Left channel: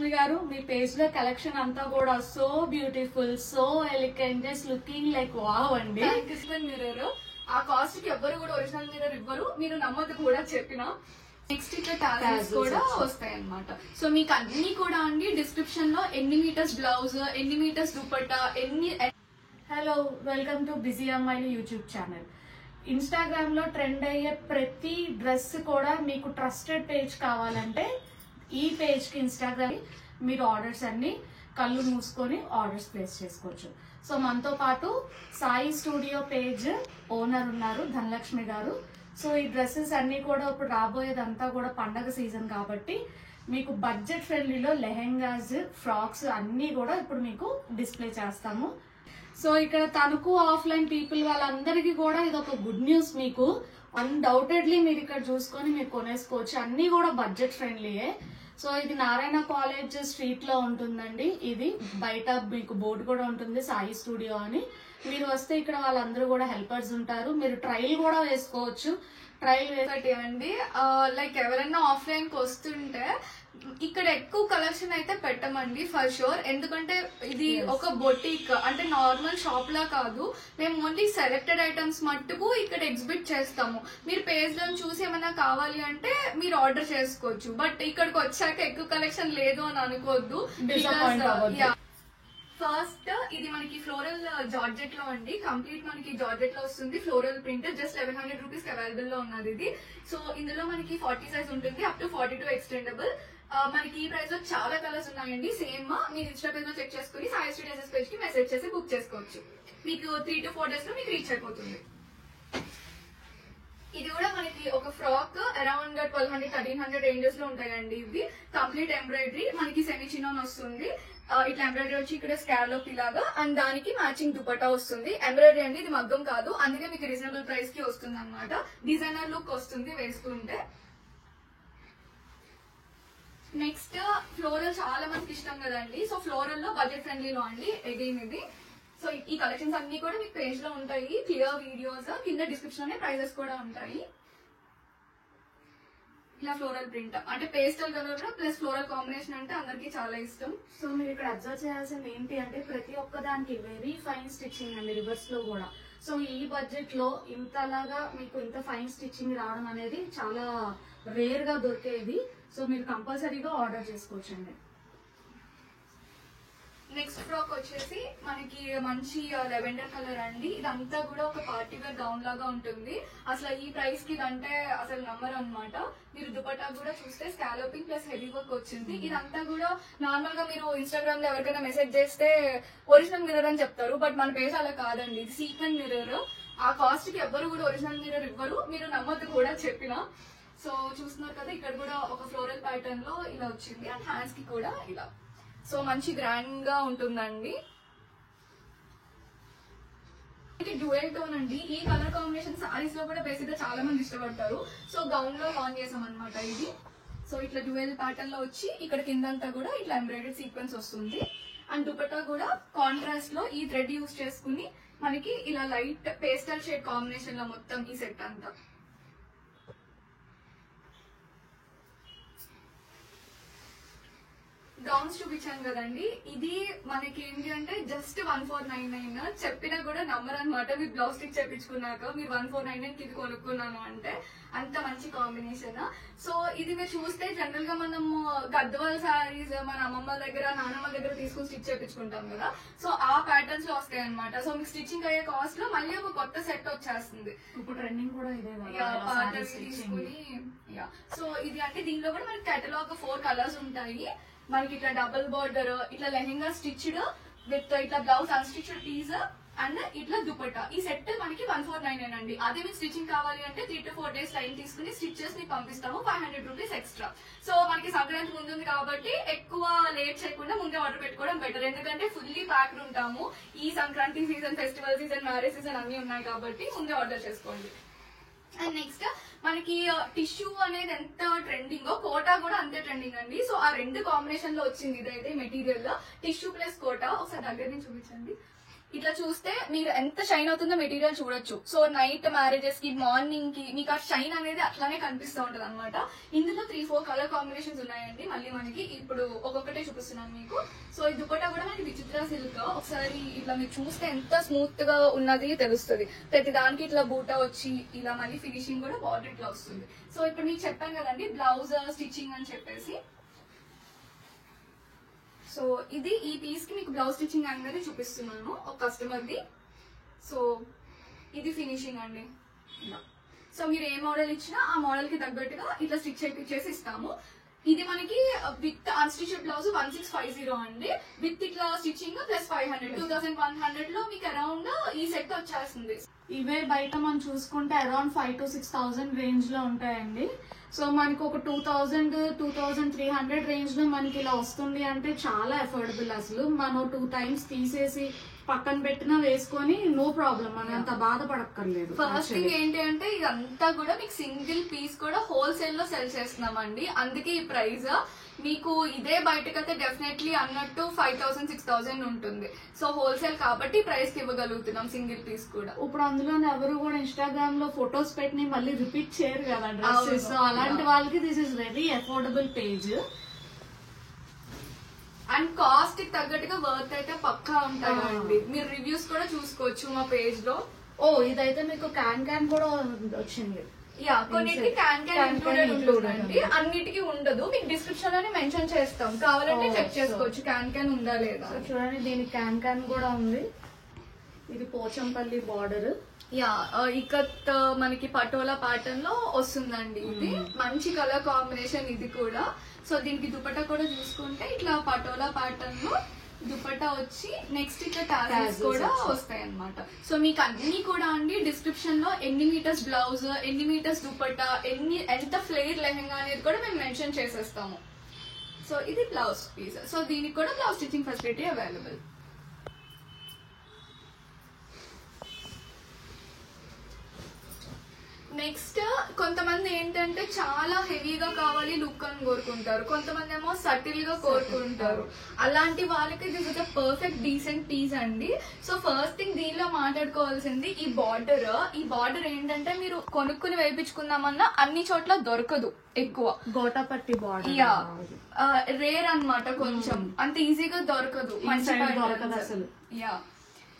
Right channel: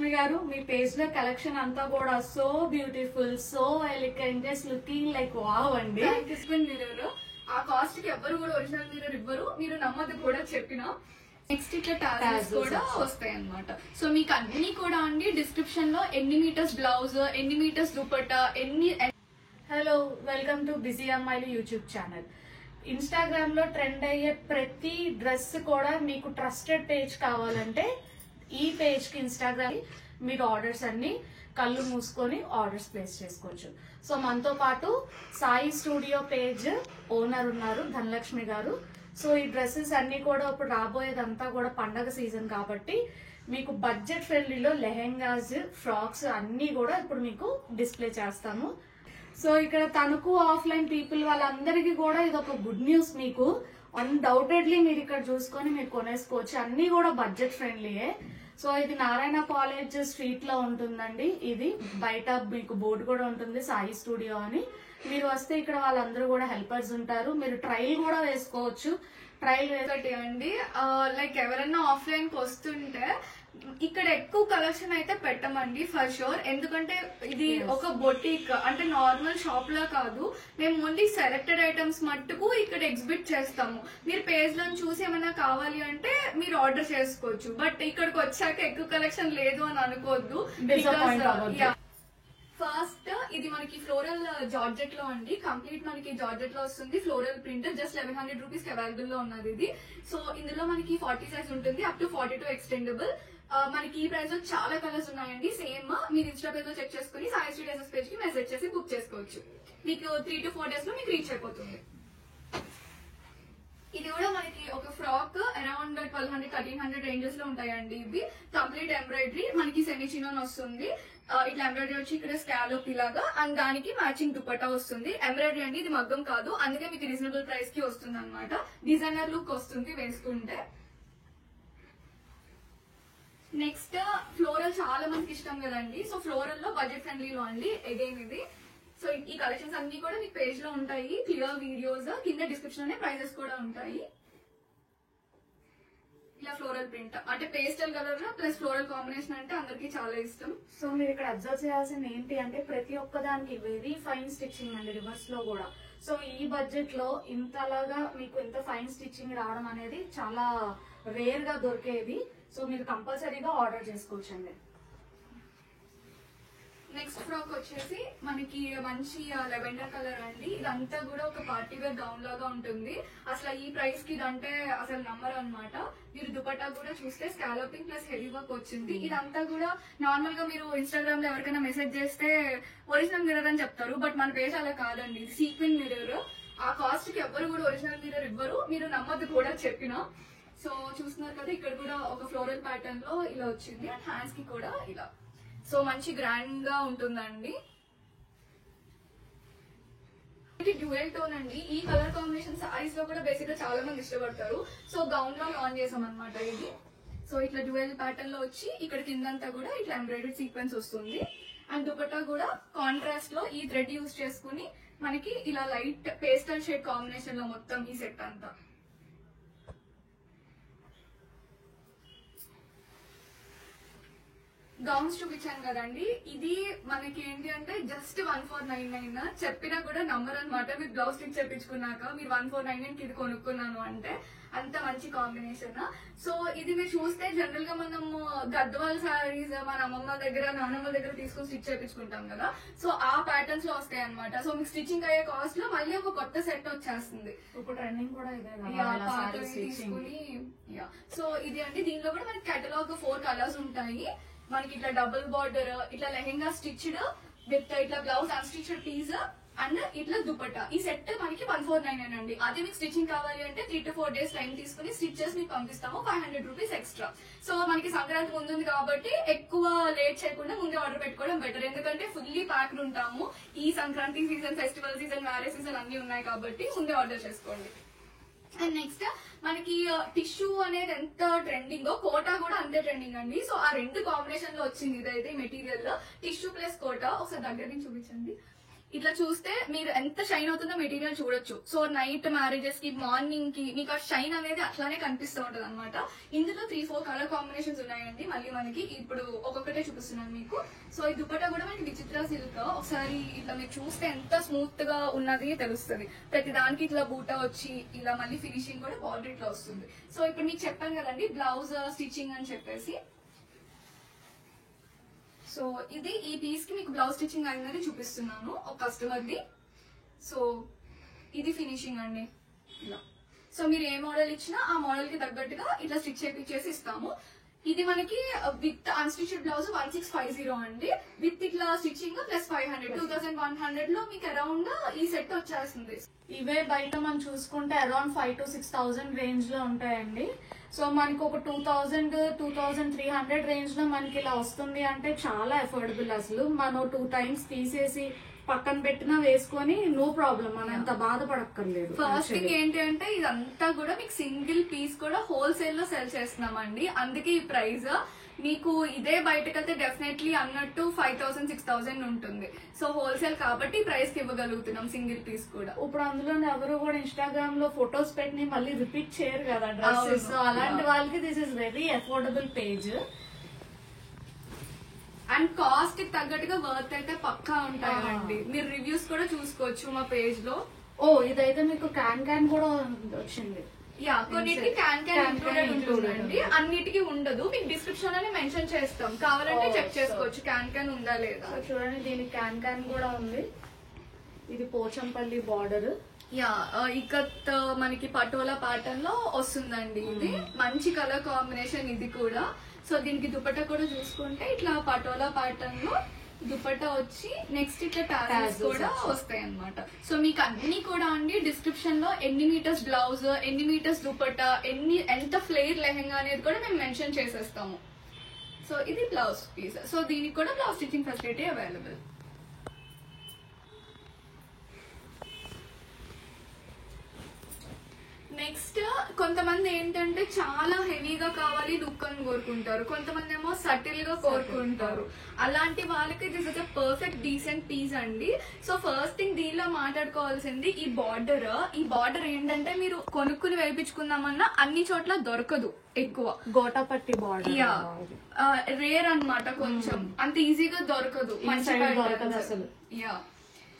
ధనలక్ష్మి గారు మీ పేజ్ లో కలెక్షన్ అంతా కూడా so beautiful, so elegant, just looking like wow అండి. మిర్రర్ ఆ కాస్ట్ కి ఎవరు కూడా ఒరిజినల్ మిర్రర్ ఇవ్వరు, మీరు నమ్మదు కూడా చెప్పిన. నెక్స్ట్ ఇట్లా టాజల్స్ కూడా వస్తాయి అన్నమాట. సో మీకు అన్ని కూడా అండి డిస్క్రిప్షన్ లో ఎన్ని మీటర్స్ బ్లౌజ్, ఎన్ని మీటర్స్ దుపట్టా, ఎన్ని. హలో, వెల్కమ్ టు బిజీ అమ్మాయిలు యూట్యూబ్ ఛానల్. ఇన్స్టాగ్రామ్ లో ట్రెండ్ అయ్యే ప్రతి డ్రెస్ కూడా మీకు ట్రస్టెడ్ పేజ్ కావాలంటే ఈ పేజ్ కి ఇన్స్టాగ్రామ్ మీరు ఆర్డర్స్ అన్ని కళ్ళు మూసుకొని ఆర్డర్స్ ప్లేస్ చేసుకోవచ్చు. సో మనతో పాటు సాయి స్టూడియో పేజ్ ఓనర్ ఉన్నారు ధనలక్ష్మి గారు. సో ఈ డ్రెస్సెస్ అన్ని కూడా ఇప్పుడు రాబోయేదంతా కూడా పండగ సీజన్ కాబట్టి మీకు బడ్జెట్ ఫ్రెండ్లీలో లెహెంగాస్, ఫ్రాక్స్ అన్ని కూడా ఇప్పుడు మీకు డిస్ప్లే చేస్తాము. సో ఇక్కడ తణుకు ఆఫ్లైన్ పీపుల్ వాళ్ళందరికీ కూడా ఇది ఒక గుడ్ న్యూస్. మీకు అన్డౌటెడ్లీ మీరు ఇక్కడ చూసుకొని మీరు కొనేసుకోవచ్చు. అన్ని కూడా బడ్జెట్ ఫ్రెండ్లీయే. సో ఇది నారాయణ కాలేజ్ స్ట్రీట్ లో ఉంటుందండి. ఇది బయట మీకు బోర్డు కూడా ఉంటుంది సాయి స్టూడియో అని. మీరు వస్తే ఇక్కడ వాళ్ళందరూ కూడా హెల్పర్స్ ఉంటారు. మీరు ట్రయల్ కూడా వేసుకోవచ్చు. ట్రయల్ వేసండి. లైక్ ఎవరైనా ఆఫ్లైన్ కి వస్తుంటే ఇక్కడ ఎక్కువ కలెక్షన్ అయితే పెట్టమండి ఫర్ షూర్. ఎందుకంటే ఇది ఒక బొటిక్ అంటే నార్మల్ షాప్ లా కాదు. మేము ఓన్లీ సెలెక్టెడ్ ఐటమ్స్ మట్టుకు ఇక్కడ ఎగ్జిబిట్ చేస్తాము. మీరు పేజ్ లో చూసి ఏమైనా కావాలి అంటే మీరు ఆర్డర్ చేసుకోవచ్చు. బట్ ఇక్కడికి వచ్చాక ఎక్కువ కలెక్షన్ లేదు అని అనుకోవద్దు. ఫస్ట్ ఇది మనకి ఫ్లోరల్ జార్జెట్ లో అండి. కంప్లీట్ మనకి జార్జెట్ లో వస్తుంది. ఫ్లోరల్ ప్రింట్ జస్ట్ 1100 రూపీస్ కి అవైలబుల్ లో ఉన్నది ఇది. సో ఇందులో మనకి 40 సైజ్ ఉంటుంది, అప్ టు 42 ఎక్స్టెండబుల్. మనకి ఈ ప్రైస్ లో చాలా కలర్స్ ఉన్నాయండి. సేమ్ మీరు ఇన్స్టా పేజ్ లో చెక్ చేసుకుని సాయి స్టూడియోస్ పేజ్ కి మెసేజ్ చేసి బుక్ చేసుకోవచ్చు. మీకు 3 to 4 days లో మీకు రీచ్ అయిపోతుంది. ఇది కూడా మనకి ఒక ఫ్రాక్ అరౌండ్ 1200-1300 రేంజెస్ లో ఉంటాయండి. ఇవి కంప్లీట్ ఎంబ్రాయిడరీ, మనకి సెమీ చినాన్ వస్తుంది. ఇట్లా ఎంబ్రాయిడరీ వచ్చి ఇక్కడ స్కాలోప్ ఇలాగా, అండ్ దానికి మ్యాచింగ్ దుపట్టా వస్తుంది. ఎంబ్రాయిడరీ అండి, ఇది మగ్గం కాదు, అందుకే మీకు రీజనబుల్ ప్రైస్ కి వస్తుంది అనమాట. డిజైనర్ లుక్ వస్తుంది వేసుకుంటే. నెక్స్ట్ ఫ్లోరల్ చాలా మందికి ఇష్టం కదండి. సో ఫ్లోరల్ లో బడ్జెట్ ఫ్రెండ్లీలో అండి అగైన్ ఇది. సో ఈ కలెక్షన్స్ అన్ని కూడా మీకు పేజ్ లో ఉంటాయి, క్లియర్ వీడియోస్. కింద డిస్క్రిప్షన్ లోనే ప్రైజెస్ కూడా ఉంటాయి. ఇలా ఫ్లోరల్ ప్రింట్ అంటే pastel colour plus floral combination అంటే అందరికి చాలా ఇష్టం. సో మీరు ఇక్కడ అబ్జర్వ్ చేయాల్సింది ఏంటి అంటే ప్రతి ఒక్క దానికి వెరీ ఫైన్ స్టిచ్చింగ్ అండి, రివర్స్ లో కూడా. సో ఈ బడ్జెట్ లో ఇంతలాగా మీకు ఇంత ఫైన్ స్టిచ్చింగ్ రావడం అనేది చాలా రేర్ గా దొరికేది. సో మీరు కంపల్సరీగా ఆర్డర్ చేసుకోవచ్చండి. నెక్స్ట్ ఫ్రాక్ వచ్చేసి మనకి మంచి లెవెండర్ కలర్ అండి. ఇదంతా కూడా ఒక పార్టీ వేర్ గౌన్ లాగా ఉంటుంది. అసలు ఈ ప్రైస్ కి ఇదంటే అసలు నమ్మరు అనమాట. మీరు దుపట్టా కూడా చూస్తే స్కాలపింగ్ ప్లస్ హెవీ వర్క్ వచ్చింది. ఇదంతా కూడా నార్మల్ గా మీరు ఇన్స్టాగ్రామ్ లో ఎవరికైనా మెసేజ్ చేస్తే ఒరిజినల్ మిర్రర్ అని చెప్తారు, బట్ మన పేజ్ అలా కాదండి. Sequin mirror. ఆ కాస్ట్ కి ఎవరు కూడా ఒరిజినల్ మిర్రర్ ఇవ్వరు, మీరు నమ్మద్దు కూడా చెప్పిన. సో చూస్తున్నారు కదా, ఇక్కడ కూడా ఒక ఫ్లోరల్ ప్యాటర్న్ లో ఇలా వచ్చింది, అండ్ హ్యాండ్స్ కి కూడా ఇలా. సో మంచి గ్రాండ్ గా ఉంటుందండి. డ్యూయల్ టోన్ అండి. ఈ కలర్ కాంబినేషన్ సారీస్ లో కూడా బేసిక్ గా చాలా మంది ఇష్టపడతారు. సో గౌన్ లో లాంచ్ చేసాం అనమాట ఇది. సో ఇట్లా డ్యూయల్ ప్యాటర్న్ లో వచ్చి ఇక్కడ కిందంతా కూడా ఇట్లా ఎంబ్రాయిడరీ సీక్వెన్స్ వస్తుంది. అండ్ దుపట్టా కూడా కాంట్రాస్ట్ లో ఈ థ్రెడ్ యూజ్ చేసుకుని మనకి ఇలా లైట్ పేస్టల్ షేడ్ కాంబినేషన్ లో మొత్తం ఈ సెట్ అంతా. గౌన్స్ చూపించాను కదండి. ఇది మనకి ఏంటి అంటే జస్ట్ 1499. చెప్పినా కూడా నంబర్ అనమాట. మీరు బ్లౌజ్ స్టిచ్ చేపించుకున్నాక మీరు 1499 ఇది కొనుక్కున్నాను అంటే అంత మంచి కాంబినేషన్. సో ఇది మీరు చూస్తే జనరల్ గా మనము గద్వాల్ సారీస్ మన అమ్మమ్మ దగ్గర నాన్నమ్మ దగ్గర తీసుకొని స్టిచ్ చేయించుకుంటాం కదా. సో ఆ ప్యాటర్న్స్ లో వస్తాయి అనమాట. సో మీకు స్టిచ్చింగ్ అయ్యే కాస్ట్ లో మళ్ళీ ఒక కొత్త సెట్ వచ్చేస్తుంది. ఇప్పుడు ట్రెండింగ్ కూడా ఇదే తీసుకుని. సో ఇది అంటే దీనిలో కూడా మనకి కేటలాగ్ 4 కలర్స్ ఉంటాయి. మనకి ఇట్లా డబుల్ బార్డర్, ఇట్లా లెహెంగా స్టిచ్డ్ విత్ ఇట్లా బ్లౌజ్ అన్స్టిచ్డ్ పీస్ అండ్ ఇట్లా దుపట్టా. ఈ సెట్ మనకి 1499 అండి. అదే మీకు స్టిచ్చింగ్ కావాలి అంటే 3 to 4 days టైం తీసుకుని స్టిచెస్ మీకు పంపిస్తాము, 500 రూపీస్ ఎక్స్ట్రా. సో మనకి సంక్రాంతి ముందుంది కాబట్టి ఎక్కువ లేట్ చేయకుండా ముందే ఆర్డర్ పెట్టుకోవడం బెటర్. ఎందుకంటే ఫుల్లీ ప్యాక్డ్ ఉంటాము. ఈ Sankranti season, festival season, marriage season అన్ని ఉన్నాయి కాబట్టి ముందే ఆర్డర్ చేసుకోండి. అండ్ నెక్స్ట్ మనకి టిష్యూ అనేది ఎంత ట్రెండింగో కోటా కూడా అంతే ట్రెండింగ్ అండి. సో ఆ రెండు కాంబినేషన్ లో వచ్చింది ఇదైతే మెటీరియల్. టిష్యూ ప్లస్ కోటా ఒకసారి దగ్గర నుంచి చూపించండి. ఇట్లా చూస్తే మీరు ఎంత షైన్ అవుతుందో మెటీరియల్ చూడొచ్చు. సో నైట్ మ్యారేజెస్ కి, మార్నింగ్ కి మీకు ఆ షైన్ అనేది అట్లానే కనిపిస్తూ ఉంటది అనమాట. ఇందులో 3-4 కలర్ కాంబినేషన్స్ ఉన్నాయండి. మళ్ళీ మనకి ఇప్పుడు ఒక్కొక్కటే చూపిస్తున్నాను మీకు. సో ఈ దుపట్టా కూడా మనకి విచిత్ర సిల్క్. ఒకసారి ఇట్లా మీరు చూస్తే ఎంత స్మూత్ గా ఉన్నది తెలుస్తుంది. ప్రతి దానికి ఇట్లా బూటా వచ్చి ఇలా మళ్ళీ ఫినిషింగ్ కూడా బార్డర్ ఇట్లా వస్తుంది. సో ఇప్పుడు మీకు చెప్పాను కదండి బ్లౌజ్ స్టిచ్చింగ్ అని చెప్పేసి. సో ఇది ఈ పీస్ కి మీకు బ్లౌజ్ స్టిచ్చింగ్ అనేది చూపిస్తున్నాను ఒక కస్టమర్ ది. సో ఇది ఫినిషింగ్ అండి. సో మీరు ఏ మోడల్ ఇచ్చినా ఆ మోడల్ కి తగ్గట్టుగా ఇట్లా స్టిచ్ చేసి ఇస్తాము. ఇది మనకి విత్ అన్స్టిచ్డ్ బ్లౌజ్ 1650 అండి. విత్ ఇట్లా స్టిచ్చింగ్ ప్లస్ 500, 2100 లో మీకు అరౌండ్ ఈ సెట్ వచ్చేస్తుంది. ఇవే బయట మనం చూసుకుంటే అరౌండ్ 5,000 to 6,000 రేంజ్ లో ఉంటాయండి. సో మనకి ఒక 2,000, 2,300 రేంజ్ లో మనకి ఇలా వస్తుంది అంటే చాలా అఫోర్డబుల్. అసలు మనం 2 times తీసేసి పక్కన పెట్టినా వేసుకొని నో ప్రాబ్లం, మనం అంత బాధపడక్కర్లేదు. ఫస్ట్ థింగ్ ఏంటంటే ఇదంతా కూడా మీకు సింగిల్ పీస్ కూడా హోల్సేల్ లో సెల్ చేస్తున్నామండి. అందుకే ఈ ప్రైస్. మీకు ఇదే బయటకైతే డెఫినెట్లీ అన్నట్టు 5,000, 6,000 ఉంటుంది. సో హోల్సేల్ కాబట్టి ప్రైస్ కి ఇవ్వగలుగుతున్నాం సింగిల్ పీస్ కూడా. ఇప్పుడు అందులో ఎవరు కూడా ఇన్స్టాగ్రామ్ లో ఫొటోస్ పెట్టి మళ్ళీ రిపీట్ చేయరు కదా డ్రెస్సెస్. సో అలాంటి వాళ్ళకి this is very affordable page. And cost కి తగ్గట్టుగా వర్త్ అయితే పక్కా ఉంటాయండి. మీరు రివ్యూస్ కూడా చూసుకోవచ్చు మా పేజ్ లో. ఓ ఇదైతే మీకు క్యాన్ కూడా వచ్చింది. యా, కొన్నిటికి క్యాన్ ఇంక్లూడెడ్ ఉంటుందండి, అన్నిటికీ ఉండదు. మీకు డిస్క్రిప్షన్ అని మెన్షన్ చేస్తాం, కావాలంటే చెక్ చేసుకోవచ్చు క్యాన్ ఉందా లేదా. చూడండి దీనికి క్యాన్ కూడా ఉంది. ఇది పోచంపల్లి బార్డర్. యా, ఇకత్ మనకి పటోలా ప్యాటర్న్ లో వస్తుందండి. ఇది మంచి కలర్ కాంబినేషన్ ఇది కూడా. సో దీనికి దుపట్టా కూడా చూసుకుంటే ఇట్లా పటోలా ప్యాటర్న్ లో దుపట్టా వచ్చి నెక్స్ట్ ఇట్లా టాజల్స్ కూడా వస్తాయి అనమాట. సో మీకు అన్ని కూడా అండి డిస్క్రిప్షన్ లో ఎన్ని మీటర్స్ బ్లౌజ్, ఎన్ని మీటర్స్ దుపట్టా, ఎంత ఫ్లేర్ లెహంగా అనేది కూడా మేము మెన్షన్ చేసేస్తాము. సో ఇది బ్లౌజ్ పీస్. సో దీనికి కూడా blouse stitching facility available. Next కొంతమంది ఏంటంటే చాలా హెవీగా కావాలి లుక్ అని కోరుకుంటారు, కొంతమంది ఏమో సటిల్ గా కోరుకుంటారు. అలాంటి వాళ్ళకి this is a perfect decent piece అండి. సో ఫస్ట్ థింగ్ దీనిలో మాట్లాడుకోవాల్సింది ఈ బార్డర్. ఈ బార్డర్ ఏంటంటే మీరు కొనుక్కుని వేయించుకుందామన్నా అన్ని చోట్ల దొరకదు ఎక్కువ. గోటాపట్టి బార్డర్ రేర్ అన్నమాట, కొంచెం అంత ఈజీగా దొరకదు అసలు. యా,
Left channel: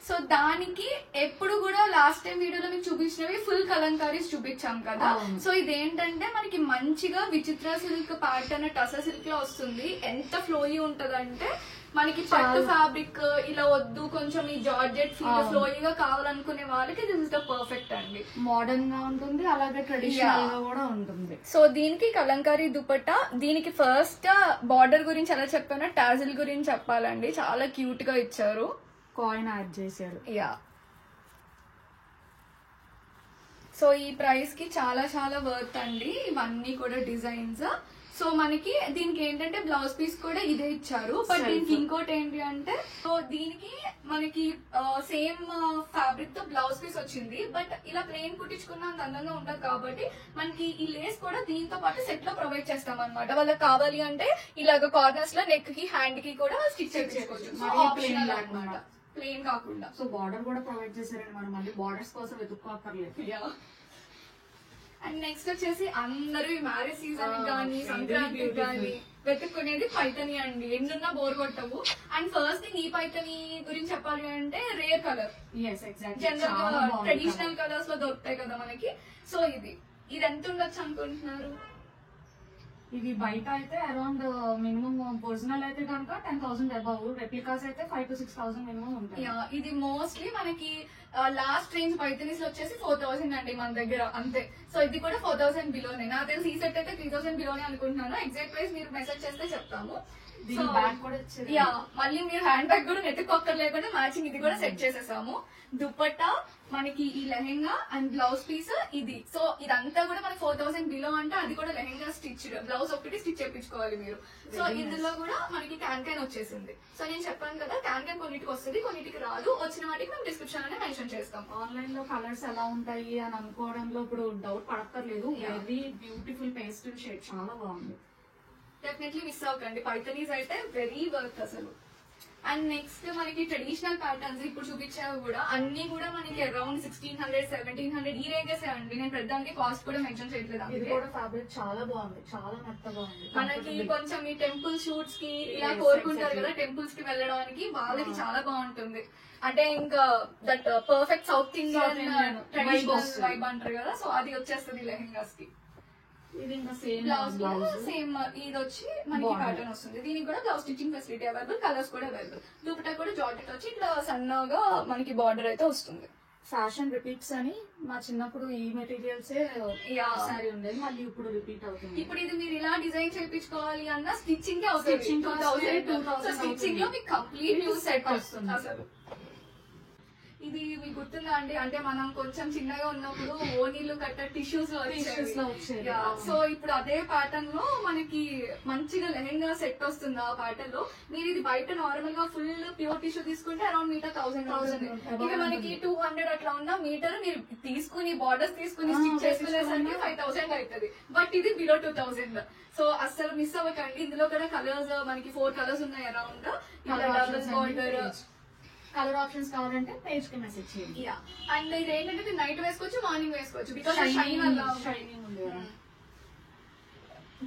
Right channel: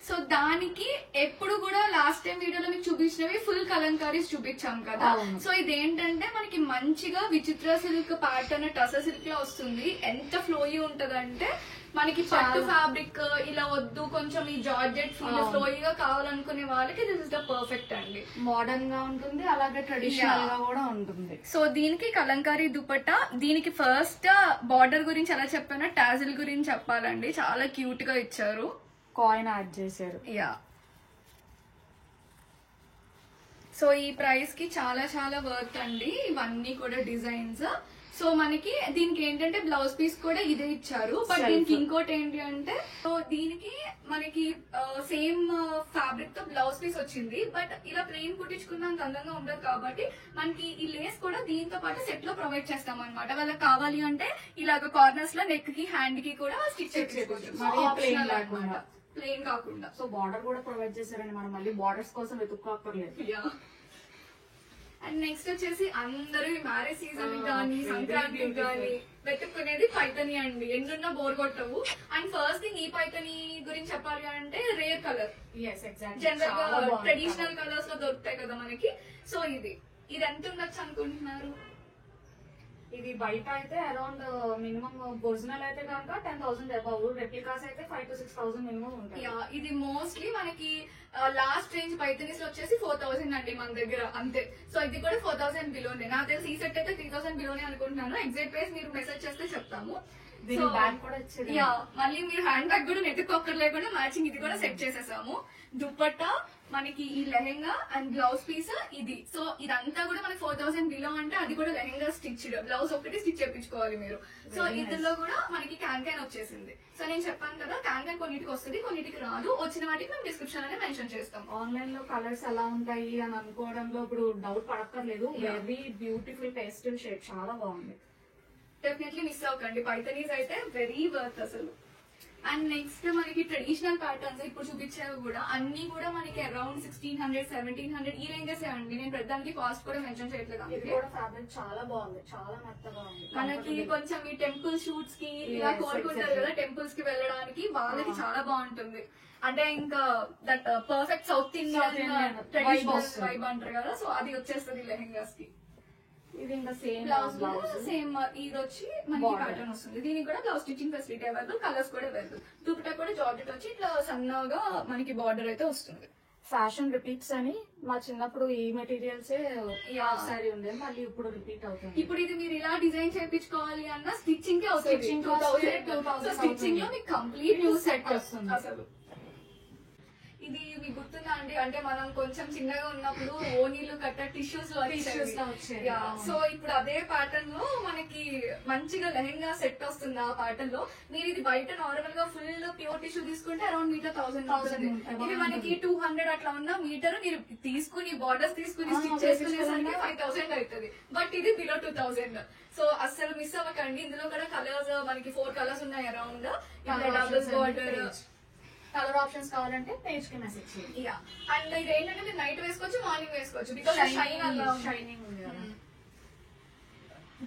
సో దానికి ఎప్పుడు కూడా లాస్ట్ టైం వీడియోలో మీకు చూపించినవి ఫుల్ కలంకారీస్ చూపించాం కదా. సో ఇదేంటంటే మనకి మంచిగా విచిత్ర సిల్క్ ప్యాటర్న్ టసర్ సిల్క్ లో వస్తుంది. ఎంత ఫ్లోయీ ఉంటదంటే మనకి పట్టు ఫ్యాబ్రిక్ ఇలా వద్దు, కొంచెం ఈ జార్జెట్ ఫీల్ ఫ్లోయీగా కావాలనుకునే వాళ్ళకి దిస్ ఇస్ ద పర్ఫెక్ట్ అండి. మోడర్న్ గా ఉంటుంది, అలాగే ట్రెడిషనల్ గా కూడా ఉంటుంది. సో దీనికి కలంకారీ దుపట్టా. దీనికి ఫస్ట్ బార్డర్ గురించి ఎలా చెప్పానో టాజిల్ గురించి చెప్పాలండి. చాలా క్యూట్ గా ఇచ్చారు, కాయిన్ యాడ్ చేశారు. యా, సో ఈ ప్రైస్ కి చాలా చాలా వర్త్ అండి ఇవన్నీ కూడా డిజైన్స్. సో మనకి దీనికి ఏంటంటే బ్లౌజ్ పీస్ కూడా ఇదే ఇచ్చారు. బట్ దీనికి ఇంకోటి ఏంటి అంటే, సో దీనికి మనకి సేమ్ ఫ్యాబ్రిక్ తో బ్లౌజ్ పీస్ వచ్చింది. బట్ ఇలా ప్లెయిన్ కుట్టించుకున్నంత అందంగా ఉండదు కాబట్టి మనకి ఈ లేస్ కూడా దీంతో పాటు సెట్ లో ప్రొవైడ్ చేస్తాం అనమాట. వాళ్ళకి కావాలి అంటే ఇలాగ కార్నర్స్ లో నెక్ కి హ్యాండ్ కి కూడా స్టిచ్ చేసుకోవచ్చు, ప్లెయిన్ కాకుండా. సో బార్డర్ కూడా ప్రొవైడ్ చేశారండి, మనం మళ్ళీ బార్డర్స్ కోసం వెతుక్కోక్కర్లేదు. అండ్ నెక్స్ట్ వచ్చేసి అందరూ ఈ మ్యారేజ్ సీజన్ కానీ సంక్రాంతి కానీ వెతుక్కునేది పైతని అండి. ఎన్నున్నా బోర్ కొట్టవు. అండ్ ఫస్ట్ థింగ్ ఈ పైతని గురించి చెప్పాలి అంటే రేర్ కలర్, జనరల్ గా ట్రెడిషనల్ కలర్స్ లో దొరుకుతాయి కదా మనకి. సో ఇది ఎంత ఉండొచ్చు అనుకుంటున్నారు? ఇది బయట అయితే అరౌండ్ మినిమం ఒరిజినల్ అయితే కనుక 10,000 అబౌవ్, రెప్లికాస్ అయితే 5,000 to 6,000 మినిమం ఉంటాయి. ఇది మోస్ట్లీ మనకి లాస్ట్ రేంజ్ పైతనీస్ లో వచ్చేసి 4,000 అండి మన దగ్గర, అంతే. సో ఇది కూడా 4,000 బిలోనే. నాకు తెలిసి ఈ సెట్ అయితే 3,000 బిలోనే అనుకుంటున్నాను. ఎగ్జాక్ట్ ప్రైస్ మీరు మెసేజ్ చేస్తే చెప్తాము. యా, మళ్ళీ మీరు హ్యాండ్ బ్యాగ్ కూడా నెట్టుకోక్కర్ లేకుండా మ్యాచింగ్ ఇది కూడా సెట్ చేసేసాము. దుపట్టా మనకి ఈ లెహెంగా అండ్ బ్లౌజ్ పీస్ ఇది. సో ఇదంతా కూడా మనకి 4,000 బిలో అంటే అది కూడా లెహెంగా స్టిచ్డ్, బ్లౌజ్ ఒకటి స్టిచ్ చేయించుకోవాలి మీరు. సో ఇందులో కూడా మనకి క్యాన్ వచ్చేసింది. సో నేను చెప్పాను కదా క్యాన్ కొన్నిటికి వస్తుంది, కొన్నిటికి రాదు. వచ్చిన వాటికి మేము డిస్క్రిప్షన్ అనే మెన్షన్ చేస్తాం. ఆన్లైన్ లో కలర్స్ ఎలా ఉంటాయి అని అనుకోవడంలో ఇప్పుడు డౌట్ పడక్కర్లేదు. వెరీ బ్యూటిఫుల్ పేస్టల్ షేడ్, చాలా బాగుంది. డెఫినెట్లీ మిస్ అవ్వకండి. పైతనీస్ అయితే వెరీ వర్త్ అసలు. అండ్ నెక్స్ట్ మనకి ట్రెడిషనల్ ప్యాటర్న్స్ ఇప్పుడు చూపించేవి కూడా అన్ని కూడా మనకి అరౌండ్ 1600 1700 ఈ రేంజెస్ అండి. నేను ప్రధానికి కాస్ట్ కూడా మెన్షన్ చేయట్లేదు. ఇది అందుకే కూడా ఫ్యాబ్రిక్ చాలా బాగుంది, చాలా మెత్తగా ఉంది. మనకి కొంచెం ఈ టెంపుల్ షూట్స్ కి ఇలా కోరుకుంటారు కదా, టెంపుల్స్ కి వెళ్ళడానికి వాళ్ళకి చాలా బాగుంటుంది. అంటే ఇంకా that perfect south Indian traditional vibe అంటారు కదా, సో అది వచ్చేస్తుంది లెహెంగాస్ కి. ఇది ఇంకా సేమ్ బ్లౌజ్ సేమ్ ఇది వచ్చి మనకి ప్యాటర్న్ వస్తుంది. దీనికి కూడా blouse stitching facility available, colours కూడా అవైలబుల్. దుపట్టా కూడా జార్జెట్ వచ్చి ఇట్లా సన్నగా మనకి బార్డర్ అయితే వస్తుంది. ఫ్యాషన్ రిపీట్స్ అని మా చిన్నప్పుడు ఈ మెటీరియల్స్ సారీ ఉండేది, మళ్ళీ ఇప్పుడు రిపీట్ అవుతుంది. ఇప్పుడు ఇది మీరు ఇలా డిజైన్ చేయించుకోవాలి అన్న స్టిచ్చింగ్ కే అవుతుంది 2000. స్టిచ్చింగ్ లో మీకు కంప్లీట్ న్యూ సెట్ వస్తుంది అసలు. ఇది మీకు గుర్తుందా అండి, అంటే మనం కొంచెం చిన్నగా ఉన్నప్పుడు ఓనీలు కట్ట టిష్యూస్ లో వచ్చేది. సో ఇప్పుడు అదే ప్యాటర్న్ లో మనకి మంచిగా లెహెంగా సెట్ వస్తుంది ఆ ప్యాటర్న్ లో. మీరు ఇది బయట నార్మల్ గా ఫుల్ ప్యూర్ టిష్యూ తీసుకుంటే అరౌండ్ మీటర్ 1000. ఇది మనకి 200 అట్లా ఉన్న మీటర్ మీరు తీసుకుని బార్డర్స్ తీసుకుని స్టిచ్ చేసుకునేసరికి 5000 అవుతుంది. బట్ ఇది బిలో 2000. సో అస్సలు మిస్ అవ్వకండి. ఇందులో కూడా కలర్స్ మనకి 4 కలర్స్ ఉన్నాయి అరౌండ్. బార్డర్ కలర్ ఆప్షన్స్ కావాలంటే పేజ్ కి మెసేజ్ చేయండి. అండ్ ఇది ఏంటంటే మీరు నైట్ వేసుకోవచ్చు, మార్నింగ్ వేసుకోవచ్చు. బికాస్ షైనింగ్ ఉంది కదా.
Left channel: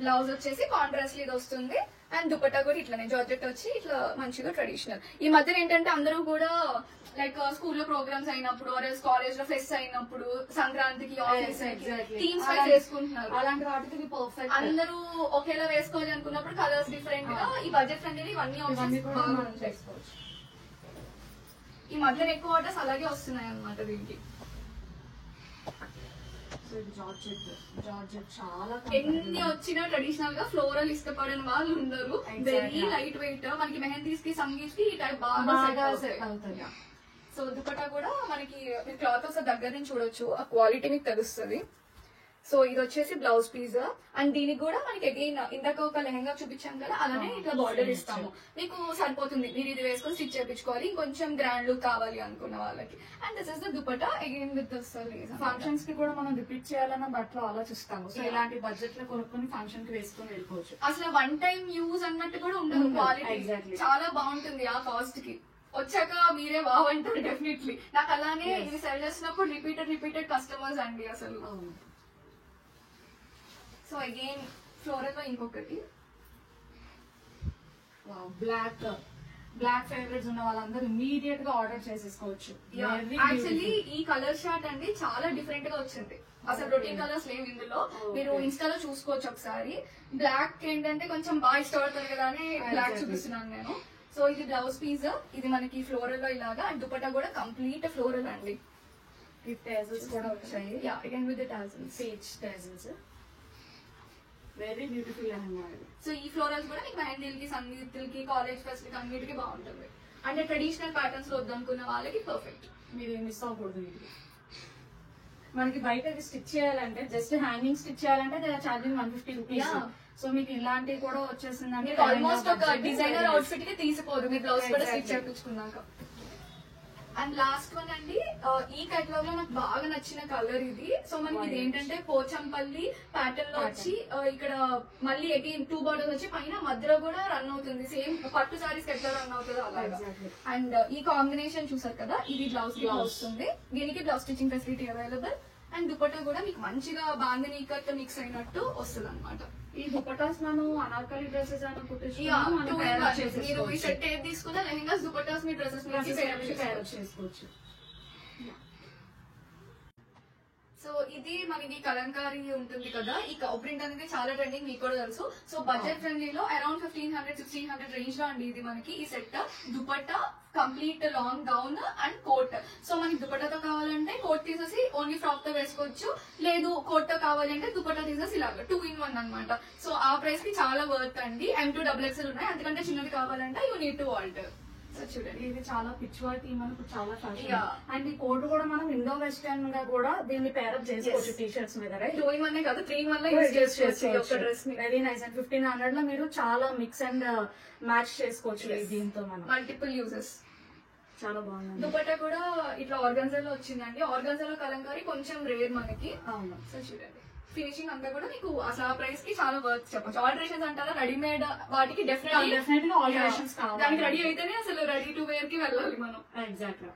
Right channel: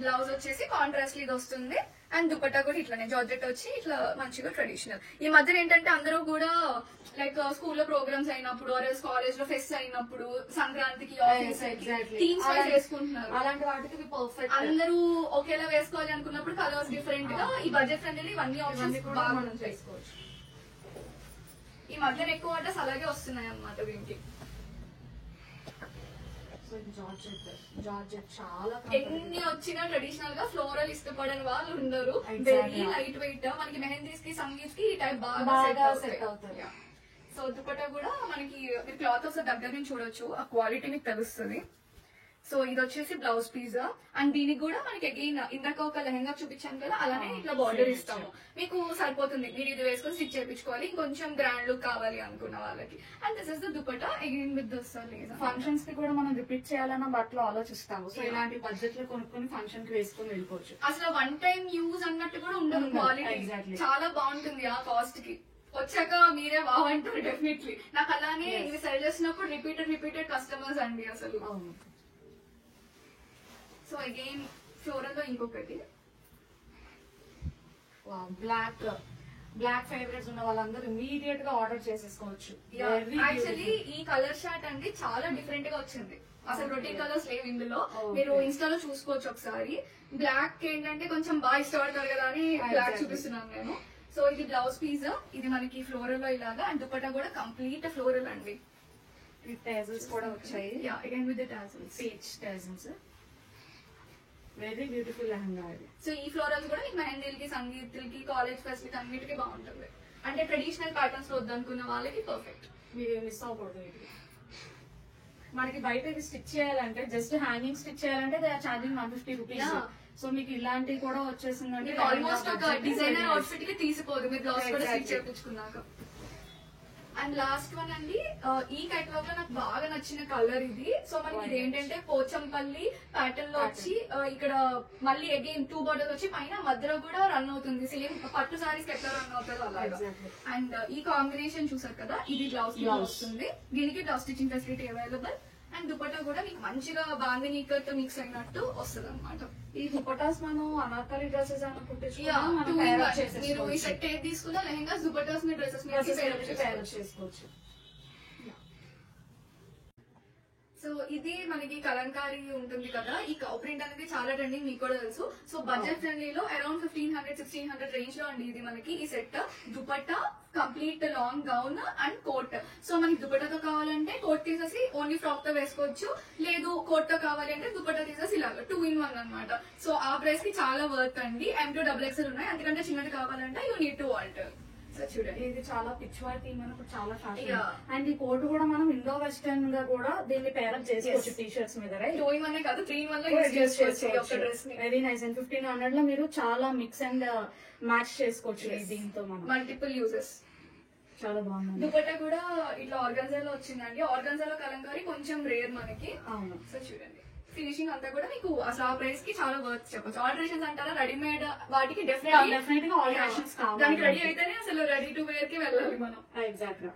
బ్లౌజ్ వచ్చేసి కాంట్రాస్ట్ ఇది వస్తుంది. అండ్ దుపట్టా కూడా ఇట్లానే జార్జెట్ వచ్చి ఇట్లా మంచిగా ట్రెడిషనల్. ఈ మధ్య ఏంటంటే అందరూ కూడా లైక్ స్కూల్లో ప్రోగ్రామ్స్ అయినప్పుడు కాలేజ్ లో ఫెస్ట్ అయినప్పుడు సంక్రాంతికి ఆఫీస్ టీమ్స్ వేసుకుంటున్నారు. అలాంటి వాటికి పర్ఫెక్ట్. అందరూ ఒకేలా వేసుకోవాలి అనుకున్నప్పుడు కలర్స్ డిఫరెంట్ గా ఈ బడ్జెట్ ఫ్రెండ్లీ ఇవన్నీ ఆప్షన్స్ కూడా మనం చేసుకోవచ్చు. ఈ మధ్య ఎక్కువ ఆర్డర్స్ అలాగే వస్తున్నాయి అన్నమాట దీనికి. జార్జెట్ చాలా ఎన్ని వచ్చినా ట్రెడిషనల్ గా ఫ్లోరల్ ఇష్టపడని వాళ్ళు ఉండరు. వెరీ లైట్ వెయిట్, మనకి మెహందీస్ కి సంగీత్ కి ఈ టైప్ బాగా సెట్ అవుతుంది. సో దుపట్టా కూడా మనకి క్లాత్ ఒకసారి దగ్గర నుంచి చూడొచ్చు, ఆ క్వాలిటీ మీకు తెలుస్తుంది. సో ఇది వచ్చేసి బ్లౌజ్ పీస్. అండ్ దీనికి కూడా మనకి అగైన్ ఇందాక ఒక లెహంగా చూపించాను కదా, అలానే ఇట్లా బార్డర్ ఇస్తాము. మీకు సరిపోతుంది, మీరు ఇది వేసుకొని స్టిచ్ చేయించుకోవాలి. ఇంకొంచెం గ్రాండ్ లుక్ కావాలి అనుకున్న వాళ్ళకి. And this is the dupatta again with this lace. Functions కి కూడా మనం రిపీట్ చేయాలన్న బట్టలు ఆలోచిస్తాము. సో ఇలాంటి బడ్జెట్ లో కొనుక్కొని ఫంక్షన్ కి వేసుకొని వెళ్ళిపోవచ్చు. అసలు వన్ టైం యూజ్ అన్నట్టు కూడా ఉండదు. క్వాలిటీ చాలా బాగుంటుంది ఆ కాస్ట్ కి. వచ్చాక మీరే బాగుంటారు డెఫినెట్లీ. నాకు అలానే ఇది సెల్ చేసినప్పుడు రిపీటెడ్ కస్టమర్స్ అండి అసలు. సో అగైన్ ఫ్లోరల్ లో ఇంకొకటి బ్లాక్ ఫేవరెట్స్ ఉన్న వాళ్ళందరూ ఇమీడియట్ గా ఆర్డర్ చేసేసుకోవచ్చు. యాక్చువల్లీ ఈ కలర్ షార్ట్ అండి చాలా డిఫరెంట్ గా వచ్చింది. అసలు రొటీన్ కలర్స్ లేవు ఇందులో. మీరు ఇన్స్టాలో చూసుకోవచ్చు ఒకసారి. బ్లాక్ ఏంటంటే కొంచెం బాగా ఇష్టపడతారు కదా అని బ్లాక్ చూపిస్తున్నాను నేను. సో ఇది బ్లౌజ్ పీస్, ఇది మనకి ఫ్లోరల్ లో ఇలాగా. అండ్ దుపట్టా కూడా కంప్లీట్ ఫ్లోరల్ అండి. విత్ టేజల్స్ కూడా వచ్చాయి. Again with tassels, peach tassels. Very beautiful lehenga. So ఈ ఫ్లోరల్స్ కూడా మీకు మెహందీలకి, సంగీత్లకి, కాలేజ్ ఫెస్ట్ కి అన్నిటికీ బాగుంటుంది. అంటే ట్రెడిషనల్ ప్యాటర్న్స్ వద్దనుకున్న వాళ్ళకి పర్ఫెక్ట్. మీరు మిస్ అవ్వకూడదు. ఇది మనకి బయటకి స్టిచ్ చేయాలంటే జస్ట్ హ్యాంగింగ్ స్టిచ్ చేయాలంటే ఛార్జింగ్ 150 రూపీస్. సో మీకు ఇలాంటివి కూడా వచ్చేసిందంటే ఆల్మోస్ట్ ఒక డిజైనర్ అవుట్ఫిట్ కి తీసిపోదు మీరు బ్లౌజ్ కూడా స్టిచ్ చేయించుకున్నాక. అండ్ లాస్ట్ వన్ అండి, ఈ కేటలాగ్ లో నాకు బాగా నచ్చిన కలర్ ఇది. సో మనకి ఇది ఏంటంటే పోచంపల్లి ప్యాటర్న్ లో వచ్చి ఇక్కడ మళ్ళీ అగైన్ 2 బార్డర్స్ వచ్చి పైన మధ్యలో కూడా రన్ అవుతుంది. సేమ్ పట్టు సారీస్ ఎట్లా రన్ అవుతుందో అలాగా. అండ్ ఈ కాంబినేషన్ చూసారు కదా, ఇది బ్లౌజ్ వస్తుంది. దీనికి blouse stitching facility available. And dupatta కూడా మీకు మంచిగా బాందిని కట్ మిక్స్ అయినట్టు వస్తుంది అనమాట. ఈ దుపట్టాస్ మనం అనార్కలి డ్రెస్సెస్ మీరు ఈ సెట్ ఏది తీసుకున్నా లెహంగాస్, దుపట్టాస్ మీ డ్రెస్సెస్ చేసుకోవచ్చు. సో ఇది మనకి కలంకారీ ఉంటుంది కదా, ఈ కౌ ప్రింట్ అనేది చాలా ట్రెండింగ్, మీకు కూడా తెలుసు. సో బడ్జెట్ ఫ్రెండ్లీలో అరౌండ్ 1500-1600 రేంజ్ లో అండి ఇది మనకి ఈ set. Dupatta, complete long gown and coat. So మనకి దుపట్టాతో కావాలంటే కోట్ తీసేసి ఓన్లీ ఫ్రాక్ తో వేసుకోవచ్చు, లేదు కోట్ తో కావాలంటే దుపట్టా తీసేసి ఇలాగా 2 in 1 అనమాట. సో ఆ ప్రైస్ కి చాలా వర్త్ అండి. M2 XXL ఉన్నాయి, అందుకంటే చిన్నది కావాలంటే you need to alter. So చూడండి, ఇది చాలా పిచ్వాయ్ థీమ్ అని ఇప్పుడు చాలా ఫ్యాషన్. అండ్ ఈ కోట్ కూడా మనం ఇండో వెస్టర్న్ గా కూడా దీన్ని పేరప్ చేసుకోవచ్చు టీ షర్ట్స్ మీద. 2 in 1 కాదు, 3 in 1 లో యూజ్ చేసుకోవచ్చు డ్రెస్ ని. Very nice. అండ్ 1500 లో మీరు చాలా మిక్స్ అండ్ మ్యాచ్ చేసుకోవచ్చు దీంతో. మనం మల్టిపుల్ యూజెస్. చాలా బాగుంది. దుపట్టా కూడా ఇట్లా ఆర్గాన్జాలో వచ్చిందండి. ఆర్గాన్జాలో కలంకారీ కొంచెం రేర్ మనకి. సో చూడండి, ఫినిషింగ్ అంతా కూడా మీకు అసలు ఆ ప్రైస్ కి చాలా వర్క్ చెప్పొచ్చు. ఆల్టరేషన్స్ అంటారా రెడీమేడ్ వాటికి డెఫినెట్ డెఫినెట్ గా ఆల్టరేషన్స్ దానికి రెడీ అయితేనే అసలు రెడీ టు వేర్ కి వెళ్ళాలి మనం. ఎగ్జాక్ట్ గా